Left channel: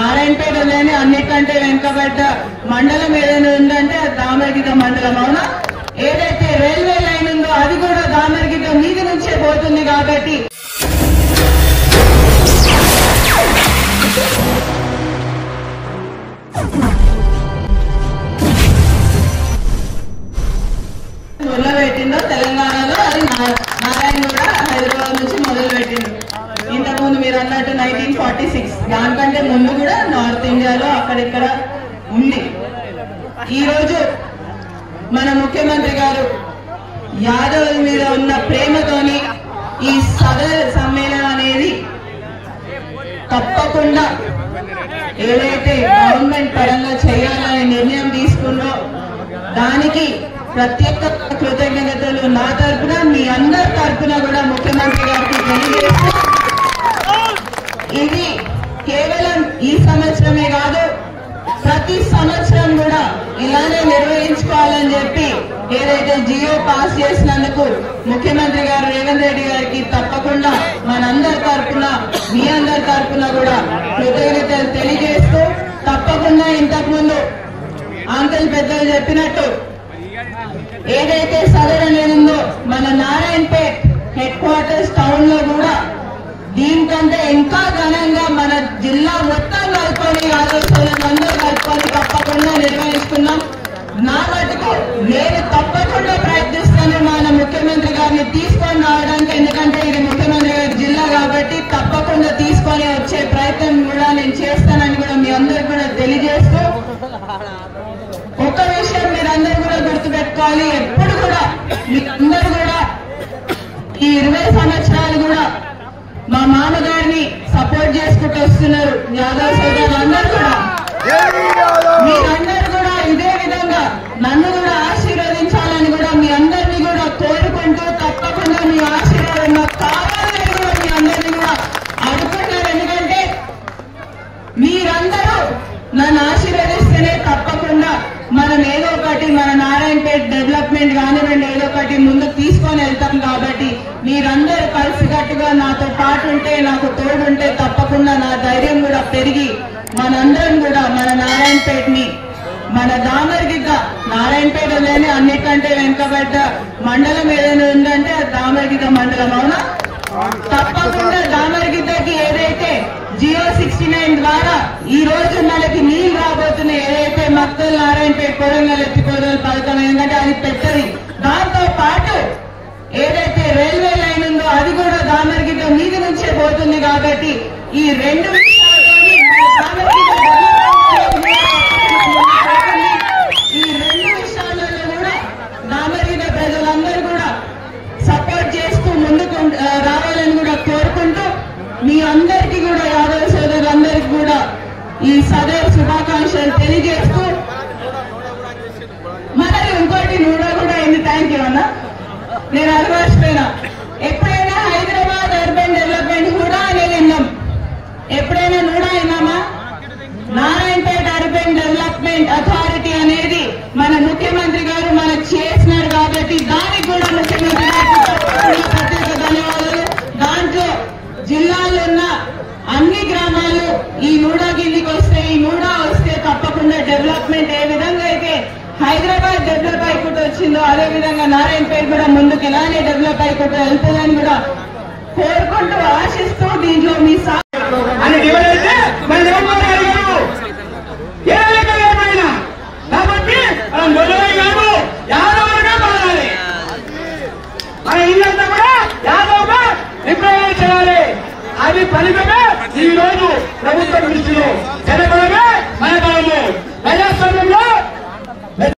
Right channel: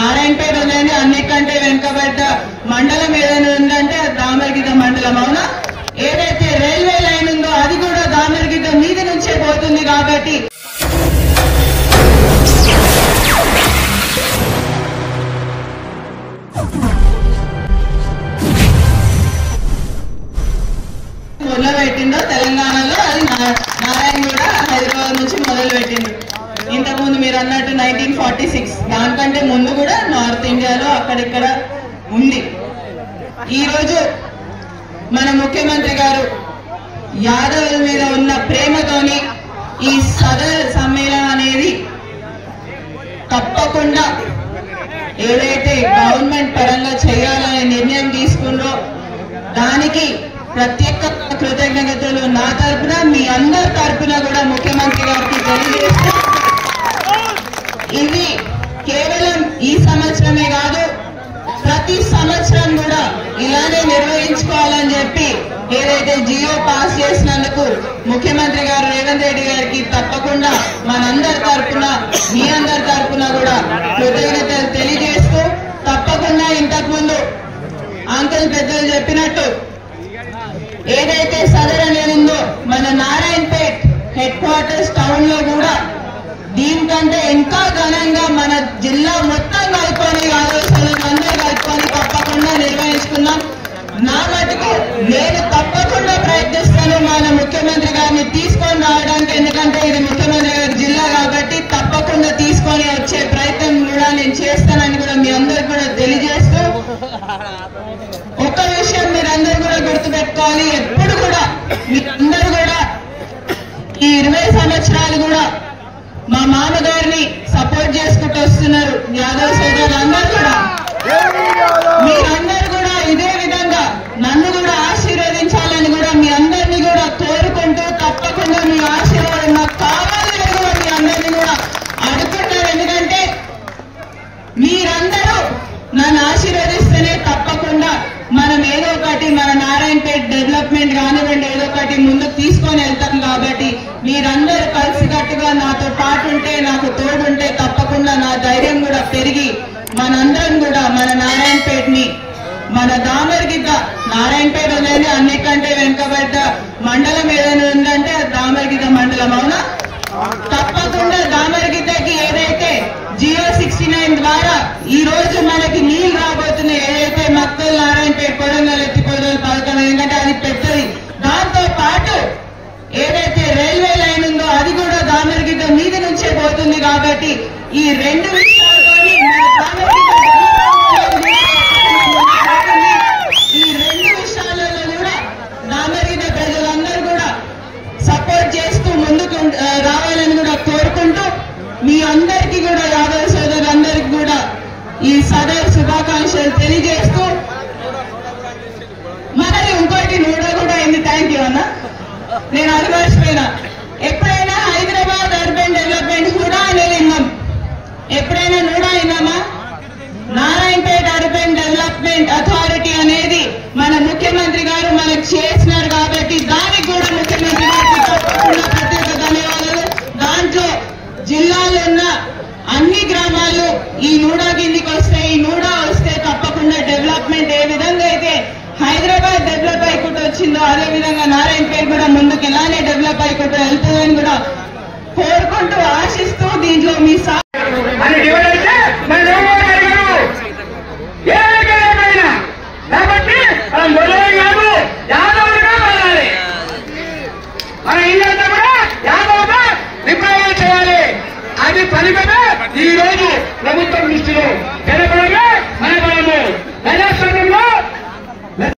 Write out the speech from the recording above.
నారాయణపేటలోనే అన్నికంటే వెనుకబడ్డ మండలం ఏదైనా ఉందంటే దామరగిద్ద మండలం. అవునా? ఏదైతే రైల్వే లైన్ ఉందో అది కూడా దామరగిద్ద మీది నుంచే పోతుంది. కాబట్టి మొదలుపెట్టిందో తెలంగాణలో అది నారాయణగూడ హైదరాబాద్ నుంచి మొదలుపెట్టిండు. ఇంతకుముందు మీరు అన్నట్టు 1946 దానికంటే ముందు కూడా నార్త్ ఇండియాలో అక్కడిక్కడ ఉంది. ఈ రోజు మన ముఖ్యమంత్రి గారు యాదవుల మీద ఉన్న ప్రేమతోని ఈ సదర్ సమ్మేళనం అనేది తప్పకుండా ఏదైతే గవర్నమెంట్ పరంగా చేయాలనే నిర్ణయం తీసుకున్నో దానికి ప్రత్యేక కృతజ్ఞతలు నా తరఫున మీ అందరి తరఫున కూడా ముఖ్యమంత్రి గారికి తెలియజేస్తూ, ఇది కేవలం ఈ సంవత్సరమే కాదు ప్రతి సంవత్సరం కూడా ఇలానే నిర్వహించుకోవాలని చెప్పి ఏదైతే జియో పాస్ చేసినందుకు ముఖ్యమంత్రి గారు రేవంత్ రెడ్డి గారికి తప్పకుండా మనందరి తరఫున మీ అందరి తరఫున కూడా కృతజ్ఞతలు తెలియజేస్తూ, తప్పకుండా ఇంతకుముందు అంకుల్ పెద్దలు చెప్పినట్టు ఏదైతే సదర్ అనేది ఉందో మన నారాయణపేట్ హెడ్ క్వార్టర్స్ టౌన్ లో కూడా దీనికంటే ఇంకా ఘనంగా మన జిల్లా మొత్తం కలుపుకొని అందరూ కలుపుకొని తప్పకుండా నిర్వహించుకున్నాం. నా మటుకు నేను తప్పకుండా ప్రయత్నిస్తాను మన ముఖ్యమంత్రి గారిని తీసుకొని రావడానికి. ఎందుకంటే ఇది ముఖ్యమంత్రి గారి జిల్లా కాబట్టి తప్పకుండా తీసుకొని వచ్చే ప్రయత్నం కూడా నేను చేస్తానని కూడా మీ అందరికి కూడా తెలియజేస్తూ, ఒక్క విషయం మీరందరూ కూడా గుర్తుపెట్టుకోవాలి. ఎప్పుడు కూడా మీరందరూ కూడా ఈ 20 సంవత్సరాలు కూడా మా మామగారిని సపోర్ట్ చేసుకుంటూ వస్తున్నారు. యాదవ్ సోదరులు అందరూ కూడా మీరందరూ కూడా ఇదే విధంగా నన్ను కూడా ఆశీర్వదించాలని కూడా మీ అందరినీ కూడా కోరుకుంటూ, తప్పకుండా మీ ఆశీర్వాదం నాకు కావాలి అని కూడా మీ అందరినీ కూడా అడుగుతున్నారు. ఎందుకంటే మీరందరూ నన్ను ఆశీర్వదిస్తేనే తప్పకుండా మనం ఏదో ఒకటి మన నారాయణపేట డెవలప్మెంట్ కానివ్వండి ఏదో ఒకటి ముందుకు తీసుకొని వెళ్తాం. కాబట్టి మీరందరూ కలిసికట్టుగా నాతో పాటు ఉంటే, నాకు తోడుంటే తప్పకుండా నా ధైర్యం కూడా పెరిగి మనందరం కూడా మన నారాయణపేటని మన దామరగిద్ద నారాయణపేటలోనే అన్నికంటే వెనుకబడ్డ మండలం ఏదైనా ఉందంటే దామరగిద్ద మండలం. అవునా? తప్పకుండా దామరగిద్దకి ఏదైతే జియో 69 ద్వారా ఈ రోజు మనకి నీళ్లు రాబోతున్నాయి, ఏదైతే మక్కల్ నారాయణపేట కొడంగల్ ఎత్తిపోదల పథకం, ఎందుకంటే అది పెద్దది. దాంతో పాటు ఏదైతే రైల్వే లైన్ ఉందో అది కూడా దామరగిద్ద మీది నుంచే పోతుంది. కాబట్టి ఈ రెండు విషయాలతో ఈ రెండు విషయాలలో కూడా దామరగిద్ద ప్రజలందరూ కూడా సపోర్ట్ చేస్తూ ముందుకు రావాలని కూడా కోరుకుంటూ, మీ అందరికీ కూడా యాదవ సోదరులందరికీ కూడా ఈ సదర్ శుభాకాంక్షలు తెలియజేస్తూ, మరి ఇంకోటి నూడో కూడా అయింది. థ్యాంక్ యూ అన్న, నేను అది మర్చిపోయినా. ఎప్పుడైనా హైదరాబాద్ అర్బన్ డెవలప్మెంట్ హుడా అనేది విన్నాం, ఎప్పుడైనా నూడా అయినామా? నారాయణపేట అర్బన్ డెవలప్మెంట్ అథారిటీ అనేది మన ముఖ్యమంత్రి గారు మనకు చేసినారు. కాబట్టి దానికి కూడా ముఖ్యమంత్రి గారికి ప్రత్యేక ధన్యవాదాలు. దాంట్లో జిల్లాలో ఉన్న అన్ని గ్రామాలు ఈ నూడా కిందికి వస్తే, ఈ నూడా వస్తే తప్పకుండా డెవలప్మెంట్ ఏ విధంగా అయితే హైదరాబాద్ డెవలప్ అయిపోతూ వచ్చిందో అదే విధంగా నారాయణపేట కూడా ముందుకు ఇలానే డెవలప్ అయిపోతూ వెళ్తుందని కూడా కోరుకుంటూ ఆశిస్తూ దీంట్లో మీ అది ఫలితమే ఈ రోజు